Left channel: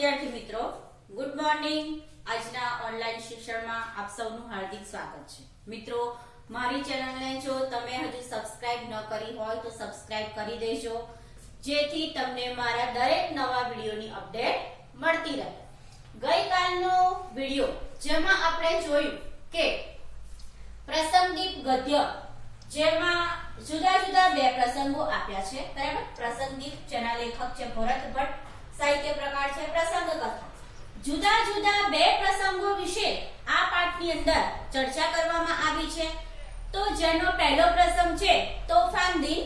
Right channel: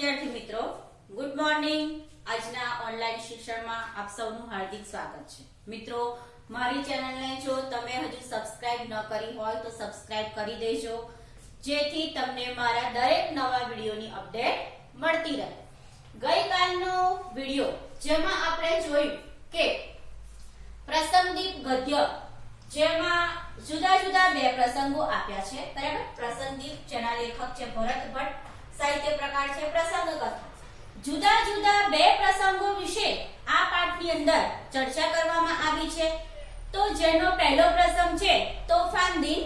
વિદ્યાર્થી મિત્રો good morning આજના ઓનલાઈન શિક્ષણમાં આપ સૌનું હાર્દિક સ્વાગત છે. મિત્રો, મારી ચેનલને જો તમે હજુ સબસ્ક્રાઇબ ન કરી હોય તો સબસ્ક્રાઇબ કરી દેજો, જેથી તમને મારા દરેક નવા વિડીયોની અપડેટ મળતી રહે. ગઈકાલનો વીડિયો, જેમાં આપણે જોયું કે પ્રસંગદીપ ગદ્ય, જેમાં જુદા જુદા બે પ્રસંગો આપ્યા છે, બરાબર? પ્રસંગદીપ, જેના લેખક છે ભરત ભટ્ટ સાહિત્ય પ્રકાર છે, પ્રસંગ કથા. જુદા જુદા બે પ્રસંગો વિશે આ પાઠની અંદર ચર્ચા કરવામાં આવી છે. તો જેનો પહેલો પ્રસંગ છે, તોફાન દિન,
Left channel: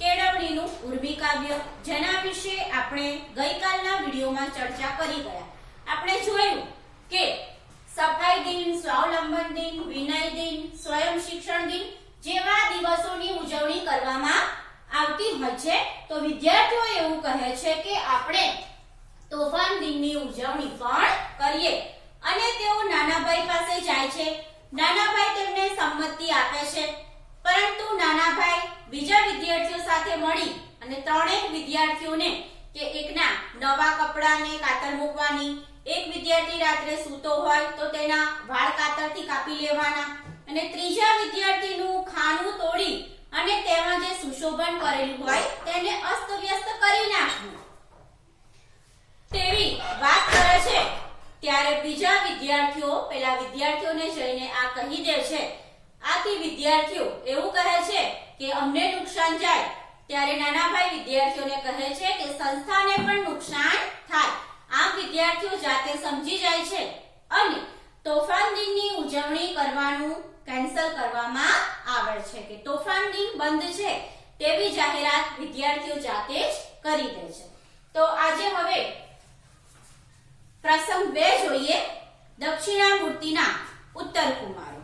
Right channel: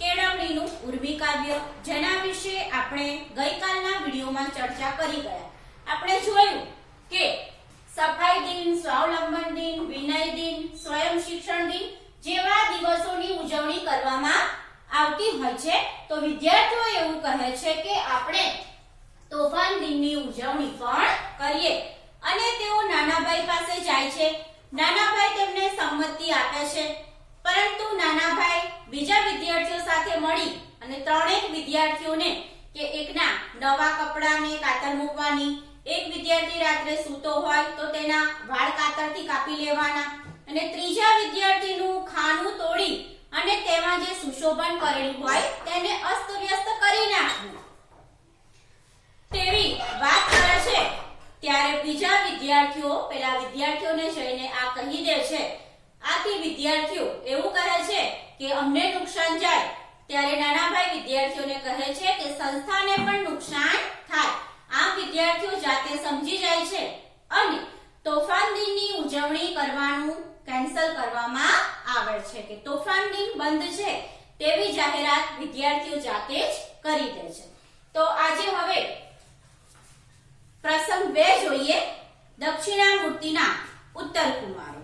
કેળવણીનું ઉર્વી કાવ્ય. જેના વિશે આપણે ગઈકાલના વિડીયોમાં ચર્ચા કરી ગયા. આપણે જોયું કે સફાઈ દિન, સ્વાવલંબન દિન, વિનય દિન, સ્વયં શિક્ષણ દિન જેવા દિવસોની ઉજવણી કરવામાં આવતી હોય છે. તો વિદ્યાર્થીઓ એવું કહે છે કે આપણે તોફાન દિનની ઉજવણી પણ કરીએ. અને તેઓ નાનાભાઈ પાસે જાય છે. નાનાભાઈ તેમને સંમતિ આપે છે. પરંતુ નાનાભાઈ બીજા વિદ્યાર્થીઓ સાથે મળી અને ત્રણેક વિદ્યાર્થીઓને કે એકના નવા કપડાને કાતર મૂકવાની, એક વિદ્યાર્થી રાત્રે સૂતો હોય તો તેના વાળ કાતરથી કાપી લેવાના અને ત્રીજા વિદ્યાર્થીનું ખાનું તોડી અને તેમાં જે સુશોભન કરેલું હોય તેને અસ્તવ્યસ્ત કરી નાખવું. તેવી વાત કરે છે. ત્યારે બીજા વિદ્યાર્થીઓ પેલા વિદ્યાર્થીઓને જઈને આ કહી દે છે. આથી વિદ્યાર્થીઓ એવું કહે છે કે અમને નુકસાન જાય. ત્યારે નાનાભાઈ વિદ્યાર્થીઓને કહે છે કે સંસ્થાને પણ નુકસાન થાય. આમ વિદ્યાર્થીઓ જાતે સમજી જાય છે. અને તોફાન દિનની ઉજવણી કરવાનું કેન્સલ કરવામાં આવે છે કે તોફાન દિન બંધ છે તેવી જાહેરાત વિદ્યાર્થીઓ જાતે જ કરી દે છે. તો આજે હવે પ્રસંગ બે જોઈએ. દક્ષિણામૂર્તિના ઉત્તર કુમારો.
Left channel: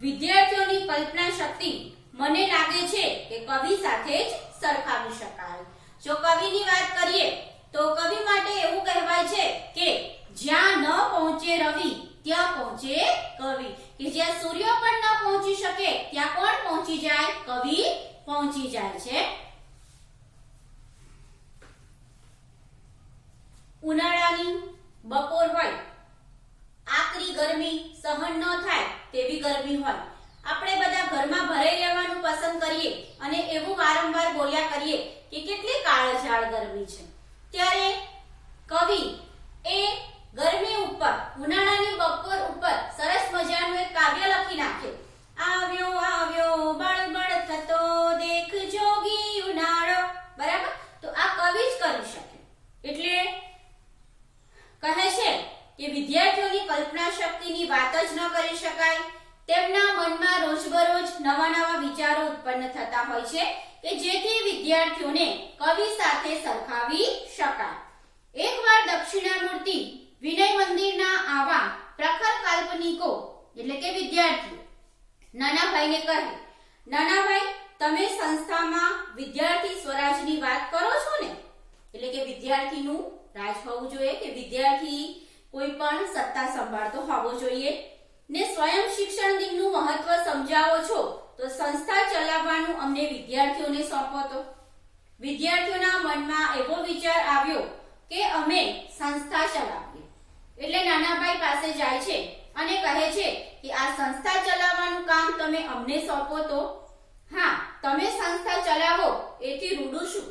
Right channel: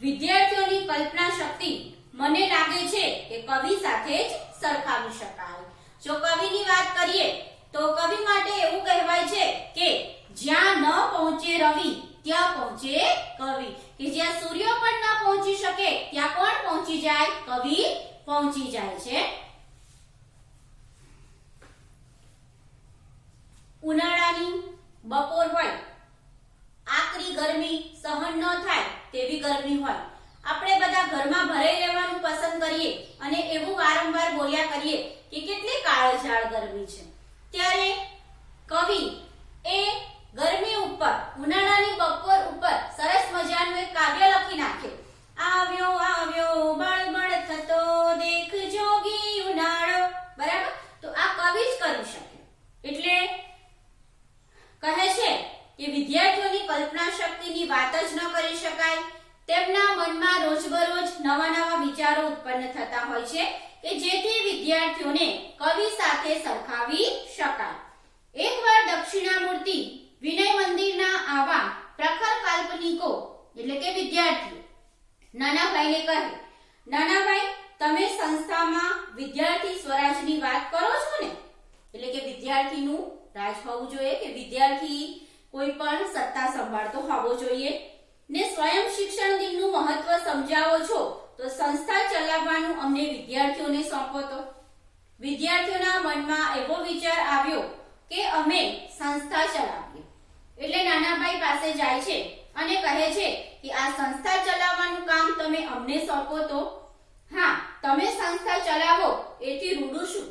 વિદ્યાર્થીઓની કલ્પના શક્તિ મને લાગે છે કે કવિ સાથે જ સરખાવી શકાય. જો કવિની વાત કરીએ, તો કવિ માટે એવું કહેવાય છે કે જ્યાં ન પહોંચે રવિ, ત્યાં પહોંચે કવિ. કે જ્યાં સૂર્ય પણ ન પહોંચી શકે, ત્યાં કોણ પહોંચી જાય? કવિ પહોંચી જાય છે. ઉનાળાની બપોર હોય, આકરી ગરમી સહન ન થાય તેવી ગરમી હોય. આપણે બધા ઘરમાં ભરાઈ રહેવાનું પસંદ કરીએ અને એવું વારંવાર બોલ્યા કરીએ કે કેટલી કાળઝાળ ગરમી છે. ત્યારે કવિ એ ગરમી ઉપર ઉનાળાની બપોર ઉપર સરસ મજાનું એક કાવ્ય લખી નાખ્યું આવ્યો આવ્યો બળબડ થતો દેખ જોગી ઉનાળો બરાબર તો આ કવિ જ કરી શકે એટલે કહે છે કે વિદ્યાર્થીઓની કલ્પના શક્તિની વાત જ ન કરી શકાય તેમના મનમાં રોજબરોજ નવા નવા વિચારો ઉત્પન્ન થતા હોય છે કે જેથી વિદ્યાર્થીઓને કવિ સરખાવી શકાય. એકવાર દક્ષિણામૂર્તિ વિનય મંદિરના આવા પ્રખર કાલ્પનિકો, એટલે કે વિદ્યાર્થીઓ, નાનાભાઈને કહે, નાનાભાઈ, તમે સંસ્થામાં વિદ્યાર્થી સ્વરાજની વાત કરો છો ને? એટલે કે વિદ્યાર્થીનું રાજ હોવું જોઈએ કે વિદ્યાર્થી કોઈ પણ સત્તા સંભાળતો હોવો જોઈએ. ને સ્વયં શિક્ષણ દિનનું મહત્વ સમજાવો છો તો સંસ્થા ચલાવવાનું અમને વિદ્યાર્થીઓને સોંપો તો. વિદ્યાર્થીઓના મનમાં એવો વિચાર આવ્યો કે અમે સંસ્થા ચલાવીએ. એટલે નાનાભાઈ પાસે જાય છે અને કહે છે કે, આ સંસ્થા ચલાવવાનું કામ તમે અમને સોંપો તો? હા, તમે સંસ્થા ચલાવો, એથી રૂડું શું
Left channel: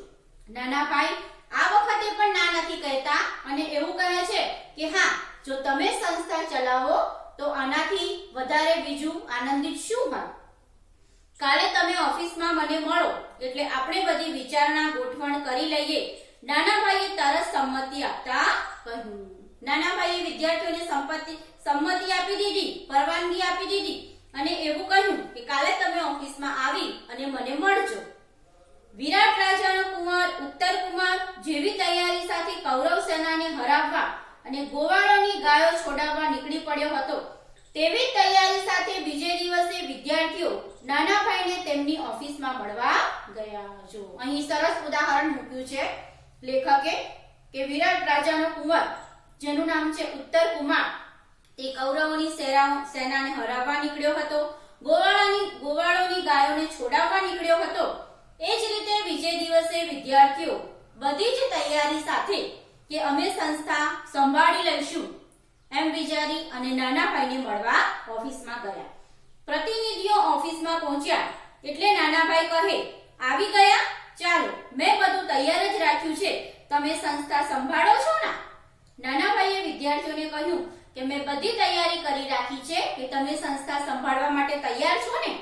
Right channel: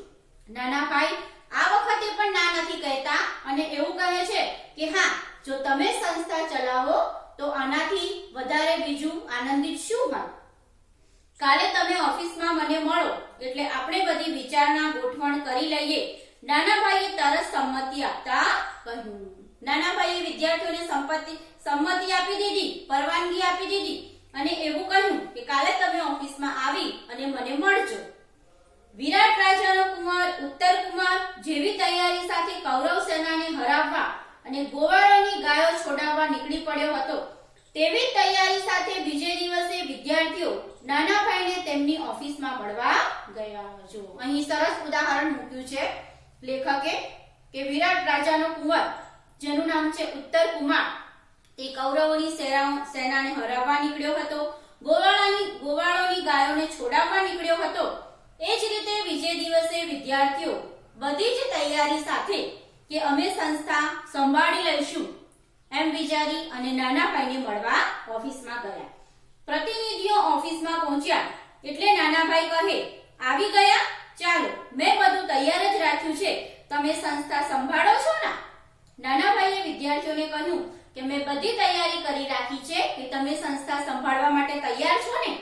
નાનાભાઈ આ વખતે પણ ના નથી કહેતા અને એવું કહે છે કે, હા, જો તમે સંસ્થા ચલાવો, તો આનાથી વધારે બીજું આનંદિત શું હોય કાલે તમે ઓફિસમાં મને મળો, એટલે આપણે બધી વિચારણા ગોઠવણ કરી લઈએ. નાનાભાઈએ તરત સંમતિ આપતા કહ્યું. નાનાભાઈએ વિદ્યાર્થીઓને સંપત્તિ, સંમતિ આપી દીધી, પરવાનગી આપી દીધી અને એવું કહ્યું કે કાલે તમે ઓફિસમાં આવી અને મને મળજો. વિરાટ રાજાનો કુંવર ઉત્તર કુમાર જેવી તૈયારી સાથે કૌરવ સેનાને હરાવવા અને ગોવાળોની ગાયો છોડાવવા નીકળી પડ્યો હતો. તેવી તૈયારી સાથે બીજે દિવસે વિદ્યાર્થીઓ નાના ભાઈને તેમની ઓફિસમાં મળવા ગયા જો અહીં સરસ ઉદાહરણ મૂક્યું છે. લેખકે કે વિરાટ રાજાનો કુંવર, જેનું નામ છે ઉત્તર કુમાર, તે કૌરવોની સેના- સેનાને હરાવવા નીકળ્યો હતો. ગોવાળાની, ગોવાળોની ગાયોને છોડાવવા નીકળ્યો હતો. એ જ રીતે વિજય દિવસે વિદ્યાર્થીઓ બધી જ તૈયારી સાથે કે અમે સંસ્થા સંભાળી લઈશું. એમ વિચારી અને નાના ભાઈને મળવા ઓફિસમાં ગયા. પ્રતિનિધિઓ ઓફિસમાં પહોંચ્યા એટલે નાનાભાઈ કહે, આવી ગયા? ચાલો, મેં બધું તૈયાર જ રાખ્યું છે. તમે સંસ્થા સંભાળો છો ને? નાનાભાઈએ વિદ્યાર્થીઓને કહ્યું કે, મેં બધી તૈયારી કરી રાખી છે કે તમે સંસ્થા સંભાળવા માટે તૈયાર છો ને?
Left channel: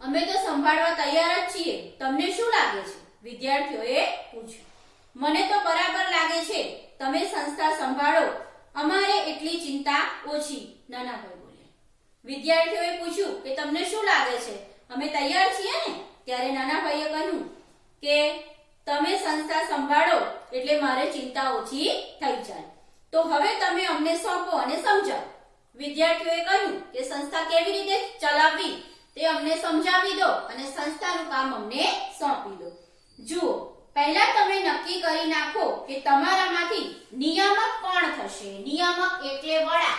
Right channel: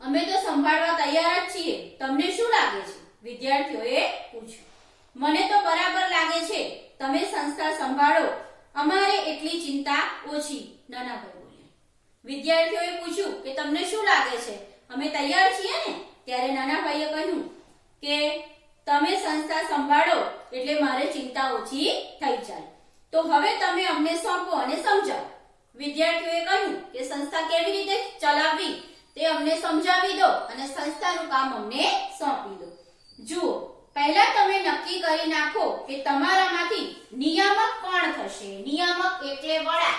અમે તો સંભાળવા તૈયાર જ છીએ. તમને શું લાગે છે? વિદ્યાર્થીઓએ પૂછ્યું. મને તો બરાબર લાગે છે. તમે સંસ્થા સંભાળો. અમારે એટલી ચિંતા ઓછી. નાના ભાઈ બોલ્યા વિદ્યાર્થીઓએ પૂછ્યું કે તમને શું લાગે છે? અમે તૈયાર છીએ ને? ત્યારે નાના ભાઈએ કહ્યું કે, તમે સંસ્થા સંભાળો એટલે મારે ચિંતા ઓછી થઈ જાય. તો હવે તમે અમને સોંપો અને સમજાવો. વિદ્યાર્થીઓએ કહ્યું કે, સંસ્થા કેવી રીતે ચલાવવી? તે અમને સમજાવી દો અને સંસ્થાનું કામ અમને સોંપી દો. જુઓ, પહેલા તમે નક્કી કરી નાખો કે તમારામાંથી નિયામક થશે નિયામક એટલે વડા.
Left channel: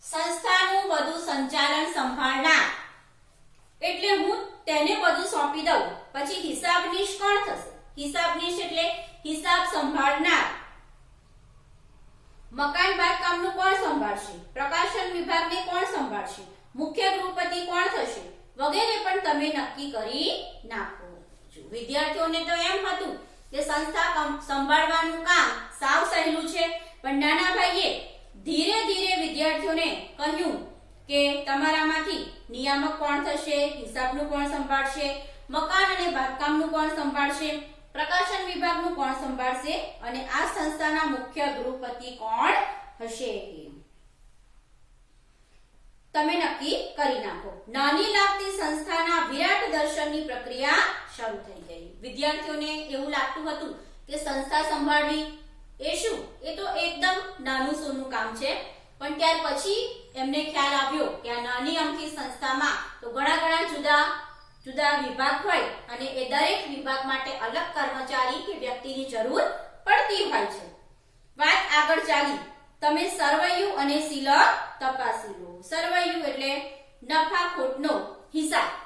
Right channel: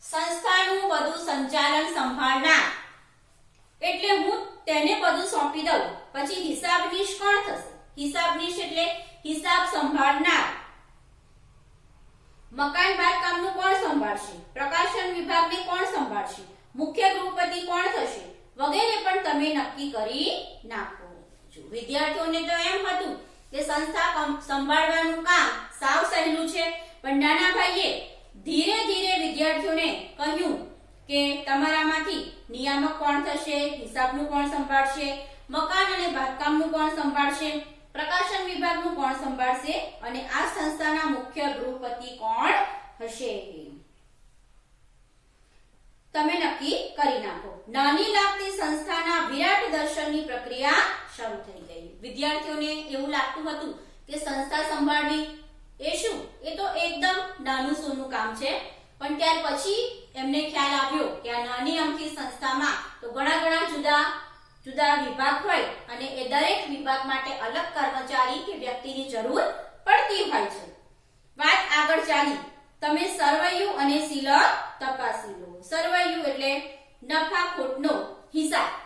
સંસ્થાનું બધું સંચાલન સંભાળનાર. એટલે હું તેને બધું સોંપી દઉં. પછી હિસાબનીશ કોણ થશે? હિસાબનીશ એટલે હિસાબ સંભાળનાર. મકાન બાંધકામનું કોણ સંભાળશે? પ્રકાશન વિભાગને કોણ સંભાળશે? મુખ્ય ગૃહપતિ કોણ થશે? વગેરે પણ તમે નક્કી કરી નાખો. વિદ્યાર્થીઓને તો એમ હતું કે સંસ્થા સંભાળવાનું કામ સાવ સહેલું છે. પણ નાનાભાઈએ ધીરે ધીરે વિદ્યાર્થીઓને કહ્યું કે તમારામાંથી નિયામક કોણ થશે, હિસાબનું કોણ સંભાળશે, મકાન અને બાંધકામનું કોણ સંભાળશે, પ્રકાશન વિભાગનું કોણ સંભાળશે અને આ સંસ્થાના મુખ્ય ગૃહપતિ કોણ હશે તમે નક્કી કરી નાખો. નાની લાગતી સંસ્થાના વિરાટ દર્શનની પ્રક્રિયા શરૂ થઈ ગઈ. વિદ્યાર્થીઓને એવું લાગતું હતું કે સંસ્થા સંભાળવી એ શું? એ તો એકદમ નાનું સોનું કામ છે. પણ ત્યાર પછી એમને ખ્યાલ આવ્યો કે આ નાની અમથી સંસ્થામાં તો ઘણા ઘણા જુદા જુદા વિભાગ હોય અને એ દરેક વિભાગ માટે અલગ કર્મચારી કે વ્યક્તિની જરૂર પડતી હોય છે. વાત આગળ ચાલી. તમે સરવૈયું અને સિલક તપાસી લો. સરવૈયું એટલે નફા ખોટનો હિસાબ.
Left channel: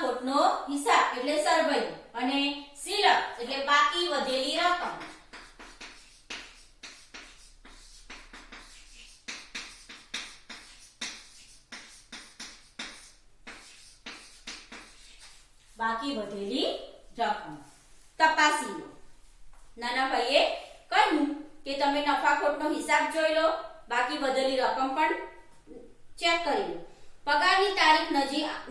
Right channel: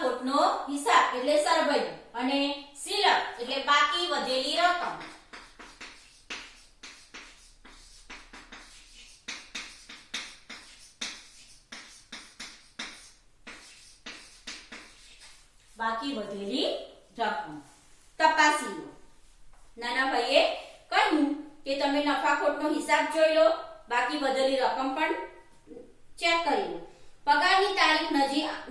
ખોટનો હિસાબ એટલે સરવૈયું અને સિલક એટલે બાકી વધેલી રકમ. બાકી વધેલી રકમ. તપાસી લો નાના ભાઈએ કહ્યું કે તમે નફાખોટનો હિસાબ જોઈ લો, બાકી વધેલી રકમ પણ ચેક કરી લો. પગારની તારીખ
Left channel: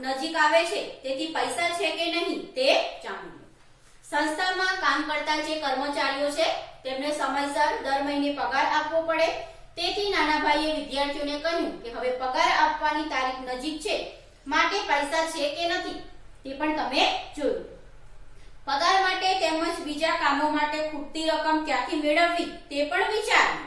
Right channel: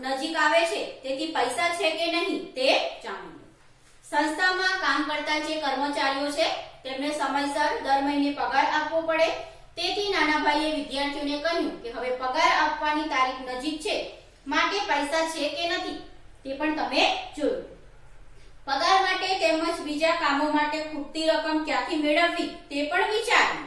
નજીક આવે છે, તેથી પૈસા છે કે નહીં તે જાણી લો. સંસ્થામાં કામ કરતા જે કર્મચારીઓ છે, તેમને સમયસર દર મહિને પગાર આપવો પડે. તેથી નાના ભાઈએ વિદ્યાર્થીઓને કહ્યું કે હવે પગાર આપવાની તારીખ નજીક છે, માટે પૈસા છે કે નથી તે પણ તમે જોયું. પગાર માટે તેમજ બીજા કામો માટે ખૂટતી રકમ ક્યાંથી મેળવવી તે પણ વિચાર્યું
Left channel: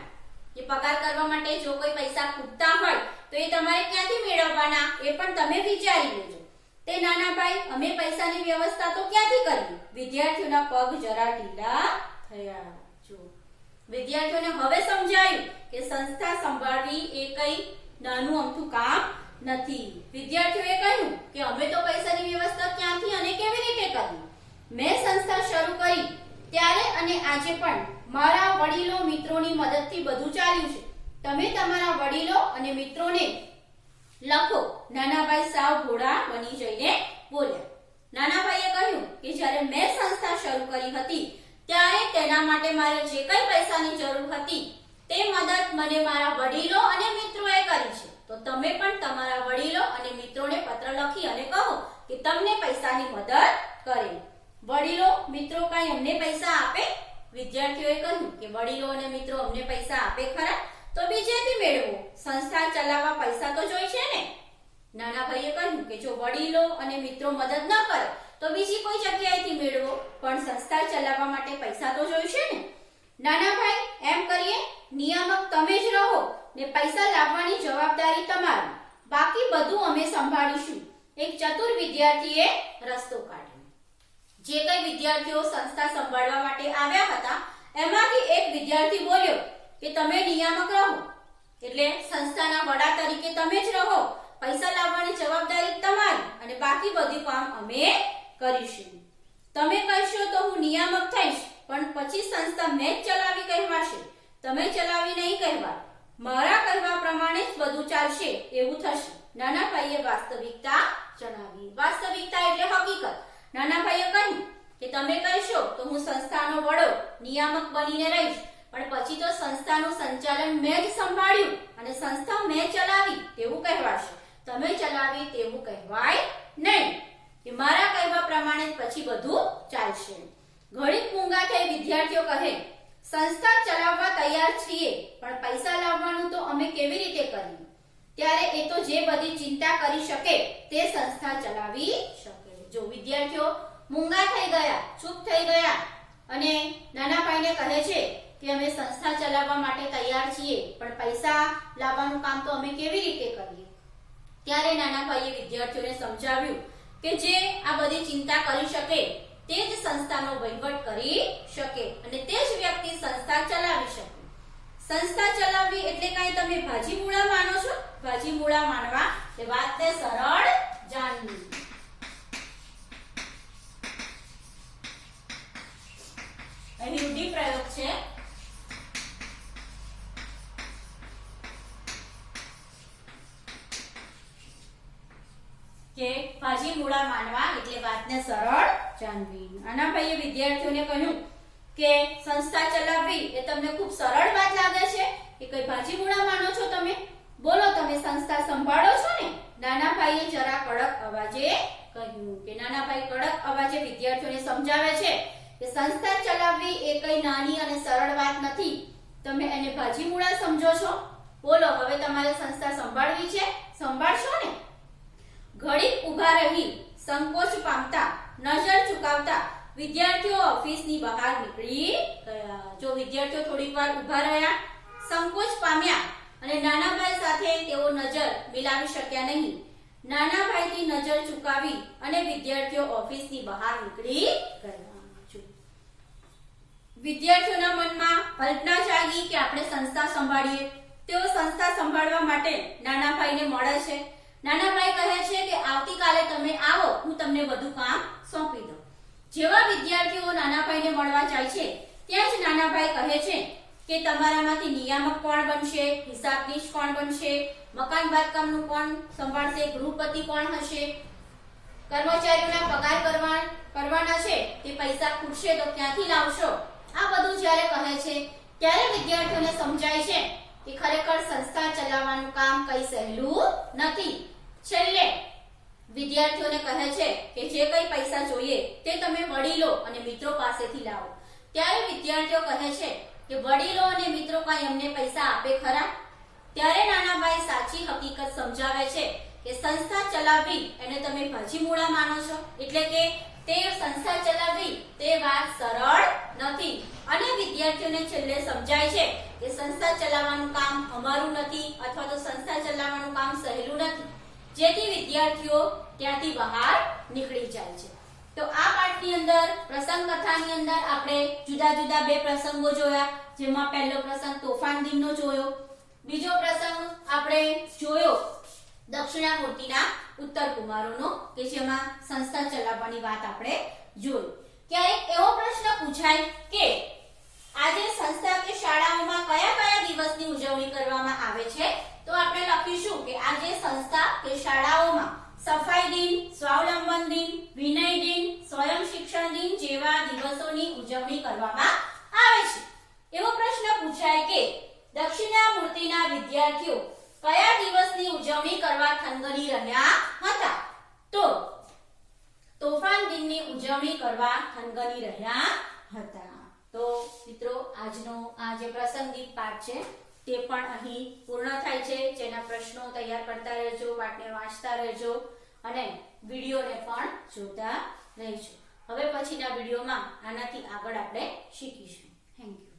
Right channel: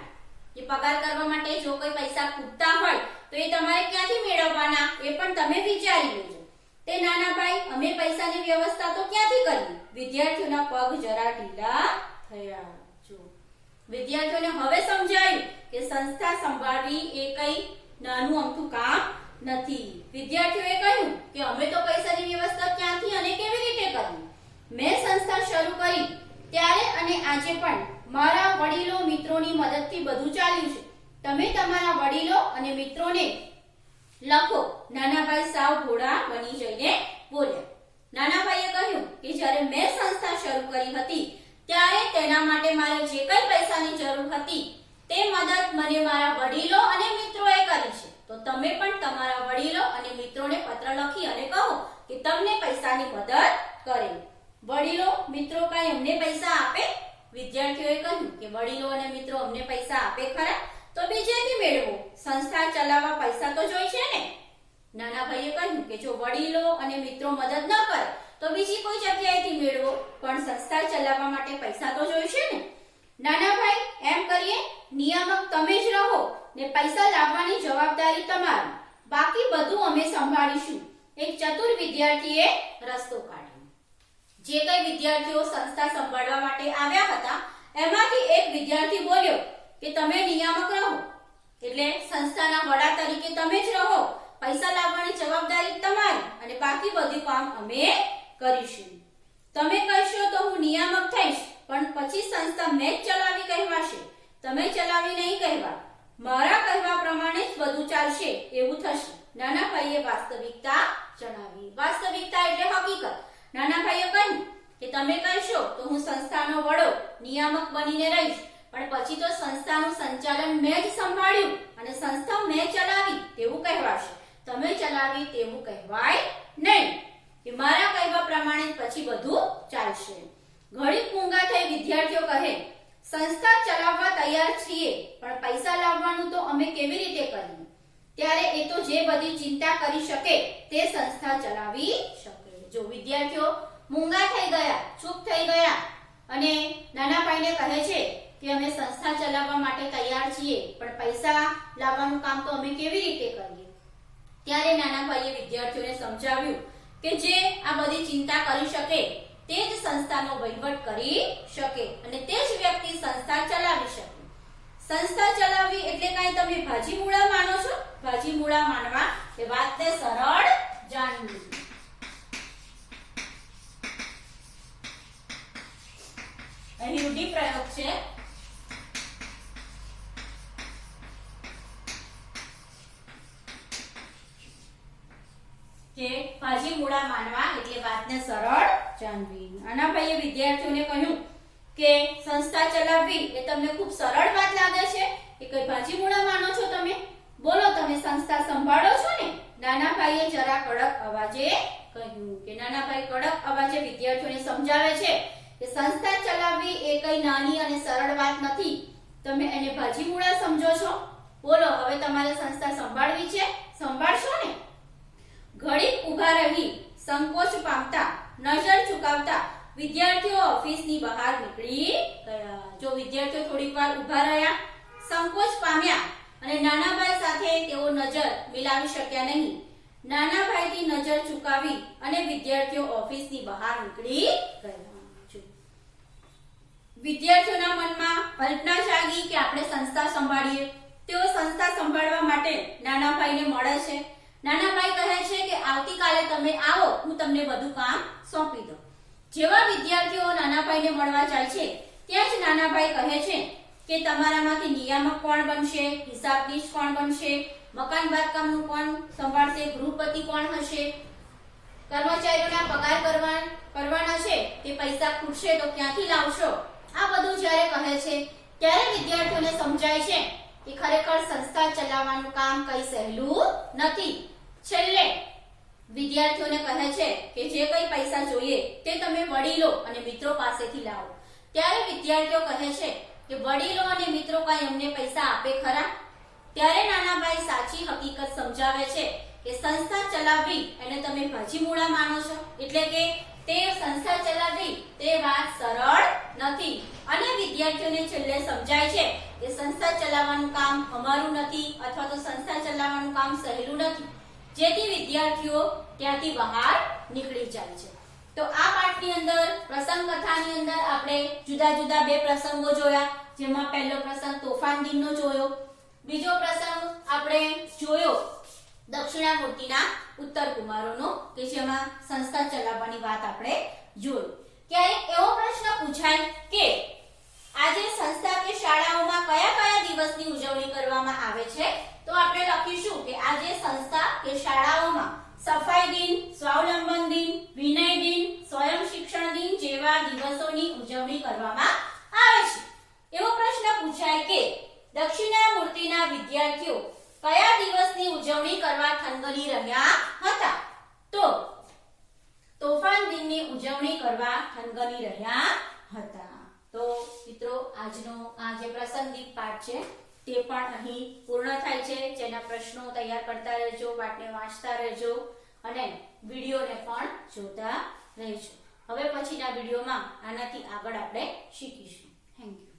કે પગાર કરવા માટે જો કોઈ પૈસા ખૂટતા હોય, તો એ તમારે ક્યાંથી મેળવવાના? એ પણ તમે વિચારી લેજો. તે નાના ભાઈ, અમે પૈસાની વ્યવસ્થા તો ક્યાંથી કરવી વિદ્યાર્થીઓના પગ જરા ઢીલા થયા. જો. વિદ્યાર્થીઓને હવે સમજાયું કે સંસ્થા સંભાળવી એ કઈ નાનું અમથું કામ નથી. વિદ્યાર્થીઓએ કહ્યું કે અમે તો પૈસાની વ્યવસ્થા ક્યાંથી અને કેવી રીતે કરવી મેં સંસ્થા શરૂ કરી ત્યારે અને આજે પણ મારા વડીલો મિત્રોની મદદથી બધું ચાલ્યું છે. તમે તમારા વડીલો અને મિત્રોને લખો. નાનાભાઈ સાવ ઘોડા બની જઈને બોલ્યા. નાનાભાઈએ કહ્યું કે જ્યારે મેં સંસ્થા શરૂ કરી હતી, ત્યારે તેના માટે મારે જે કઈ પૈસાની જરૂર હતી, તે મદદ મને મારા વડીલો અને મિત્રોએ કરી છે. તો તમે પણ તમારા વડીલો અને મિત્રોને પત્ર લખી અને કહો કે તમને પૈસાની મદદ કરે વડીલો, મિત્રો કાંઈ અમને પૈસા આપે? વિદ્યાર્થીઓએ કહ્યું કે વડીલો અને મિત્રો અમને પૈસા આપે ખરા? તો બીજેથી મેળવો. સંસ્થા ચલાવવા પૈસા તો જોઈ છે ને? નાના ભાઈએ કહ્યું કે જો વડીલો અને મિત્રો મદદ ન કરે, તો બીજી કોઈ જગ્યાએથી મેળવો. પણ સંસ્થા ચલાવવા માટે પૈસા તો જોઈશે ને? નાના ભાઈ, એમ કરીએ, નિયામક તમે જ રહો ને પૈસા લાવવાની જવાબદારી તમારી. બાકી બધું અમે સંભાળીશું. એક ચતુર વિદ્યાર્થીએ રસ્તો કાઢ્યો. જે કઈ વિદ્યાર્થીઓ સંસ્થા સંભાળવા માટે આવ્યા હતા, એમાંથી એક વિદ્યાર્થી બોલ્યો કે તમે નિયામક રહો. એટલે સંસ્થાના વડા તરીકે તમે જ રહો, પૈસા લાવવાની જવાબદારી તમારી અને બાકી બધું કામ અમે કરીશું. તમે કહેશો તો હું નિયામક થઈશ, પણ પછી સંસ્થા મેં જ ચલાવી કહેવાશે. તમે ચલાવી નહીં કહેવા મારા કહેવા પ્રમાણે જ બધું ચાલશે, એવું થશે. નાના ભાઈએ વાસ્તવિકતા જણાવી. વાસ્તવિકતા એટલે હકીકત. નાના ભાઈએ કહ્યું કે તમે કહેશો તો હું સંસ્થાનો વડો, નિયામક બનીને રહીશ. પણ પછી તો સંસ્થાનું સંચાલન મેં જ સંભાળ્યું અને સંસ્થા મેં ચલાવી તેવું કહેવાશે. તમે ચલાવી તેવું કહેવાય નહીં. કે મારા કહેવા પ્રમાણે પછી બધું ચાલશે. ઘડીક મૂંગા થઈ વિદ્યાર્થીઓ કહે, સંસ્થા ચલાવવા તૈયાર છીએ, પણ પૈસા લાવવાનું તો અમે કેવી રીતે કરીએ? ત્યારે એ તો જે બધી ચિંતા કરી શકે તે સંસ્થા ચલાવી શકે. જો વિદ્યાર્થીઓ મૂંગા થઈ ગયા, ચૂપ થઈ ગયા અને નાના ભાઈને કહે છે કે અમે સંસ્થા ચલાવવા માટે તૈયાર છીએ, પણ પૈસા લાવવાનું કામ તો અમે કેવી રીતે કરીએ? ત્યારે નાના ભાઈએ વિદ્યાર્થીઓને સમજાવ્યું કે જે આ બધી ચિંતા કરી શકે તે જ સંસ્થાનો વહીવટ કરી શકે અને તે જ વ્યક્તિ સંસ્થા ચલાવી શકે. સંસ્થા ચલાવવી એટલે કાંઈ તમે ભાજી મૂળા માનો છો? ભાજી મૂળા માનવા એ વાતને સરળ જાણવી. અહીં રૂઢિ પ્રયોગ છે. કે ભાજી મૂળા માનવા એટલે વાતને સરળ જાણવી અનાભાઈએ વિદ્યાર્થીઓને કહ્યું કે સંસ્થા ચલાવવી એ તમને ખૂબ સરળ વાત લાગે છે કે કઈ ભાજી મૂળા માનો છો તમે? બોલો, તમે સંસ્થા સંભાળો છો ને? નાના ભાઈએ જરા કડક અવાજે કહ્યું કે નાના ભાઈ કડક અવાજે વિદ્યાર્થીઓને સમજાવે છે કે સંસ્થા ચલાવવી એ કઈ નાની અને સરળ વાત નથી. તમે એને ભાજી મૂળા સમજો છો? બોલો, હવે તમારે સંસ્થા સંભાળવી છે? સંભાળશો ને? ઘડીક ઊભા રહી, સંકોચ પામતા, નજર ચુકાવતા, વિદ્યાર્થીઓ ઓફિસની બહાર નીકળી ગયા. જો વિદ્યાર્થીઓ થોડીક વાર ઊભા રહ્યા, સંકોચ પામ્યા અને નાના ભાઈ સાથે તેઓ નજર મિલાવી શક્યા નહીં. નાના ભાઈથી નજર ચુકાવી અને વિદ્યાર્થીઓ ઓફિસની બહાર નીકળી ગયા. વિદ્યાર્થીઓના મનમાં કલ્પના જાગી કે આપણે સંસ્થા સંભાળીએ. તેઓ સંસ્થા સંભાળવા માટે નાના ભાઈને મળે છે. નાના ભાઈ કહે છે કે આવતીકાલે તમે આવો, હું તમને બધું કામ સોંપી દઉં. જેવા વિદ્યાર્થીઓ નાના ભાઈને મળવા જાય છે, ત્યાં જ નાના ભાઈ કહે છે કે તમારામાંથી નિયામક કોણ બનશે હિસાબનીશ કોણ બનશે, મકાન બાંધકામનું કોણ સંભાળશે, ગૃહપતિ કોણ હશે? કર્મચારીઓના પગાર કરવા કરવાના છે, તે પૈસા ખૂટશે તો ક્યાંથી લાવશો? જ્યારે કહે છે, ત્યારે વિદ્યાર્થીઓને સમજાય છે કે ખરેખર સંસ્થા ચલાવવાનું કામ કઈ સહેલું નથી. છેલ્લે, વિદ્યાર્થીઓને કહે છે કે જે કઈ પૈસા જોઈએ તે તમે વડીલો અને મિત્રો પાસેથી લાવો. ત્યારે વિદ્યાર્થીઓ કહે છે કે વડીલો અને મિત્રો કઈ અમને પૈસા આપે ખરા? ત્યારે નાનાભાઈ સાચી હકીકત સમજાવે છે કે સંસ્થા ચલાવવી એને તમે ભાજી મૂળા માનો છો. એટલે કે તે સંસ્થા ચલાવવી તે વાત સરળ નથી. અને વિદ્યાર્થીઓને છેલ્લે સમજાય છે કે સંસ્થા ચલાવવાનું કામ અમારું નથી અથવા તો સંસ્થા ચલાવવાનું કામ સહેલું નથી. જેથી વિદ્યાર્થીઓ ત્યાંથી બહાર નીકળી જાય છે. તો આ પાઠની અંદર, પ્રસંગ કથાની અંદર આપણે જુદા જુદા બે પ્રસંગો જોયા, જેમાં પહેલો પ્રસંગ તોફાન દિનનો જોયો. બીજો પ્રસંગ આપણે જોયો દક્ષિણામૂર્તિના ઉત્તર કુમારોનો કે જેમાં સંસ્થા ચલાવવાની વાત આપણે જોઈ. ક્યારેક એવો પ્રશ્ન પૂછાય કે આજે સંસ્થા કે શાળાઓમાં કયા કયા દિવસની ઉજવણી કરવામાં આવે છે? તો આપણે લખીશું કે આજે સંસ્થા કે શાળાઓમાં સફાઈ દિન, સ્વાવલંબન દિન, વિનય દિન, સ્વયં શિક્ષણ દિન જેવા દિવસોની ઉજવણી કરવામાં આવે છે. એવો પ્રશ્ન પૂછાય કે દક્ષિણામૂર્તિના વિદ્યાર્થીઓ કયા દિવસની ઉજવણી કરવા થનગની રહ્યા હતા? તો તોફાન દિનની ઉજવણી કરવા થનગની રહ્યા હતા. મિત્રો, આજનો આ જે પ્રસંગિક પાઠ છે, તે પણ અહીં પૂર્ણ થાય છે. જેના પ્રશ્નો તૈયાર કરતા રહેજો પાઠને વાંચતા રહેજો અને વિડીયોને પણ જોતા રહેજો. હવે પછીના વિડીયોમાં આનાથી આગળ આપણે શીખીશું. Thank you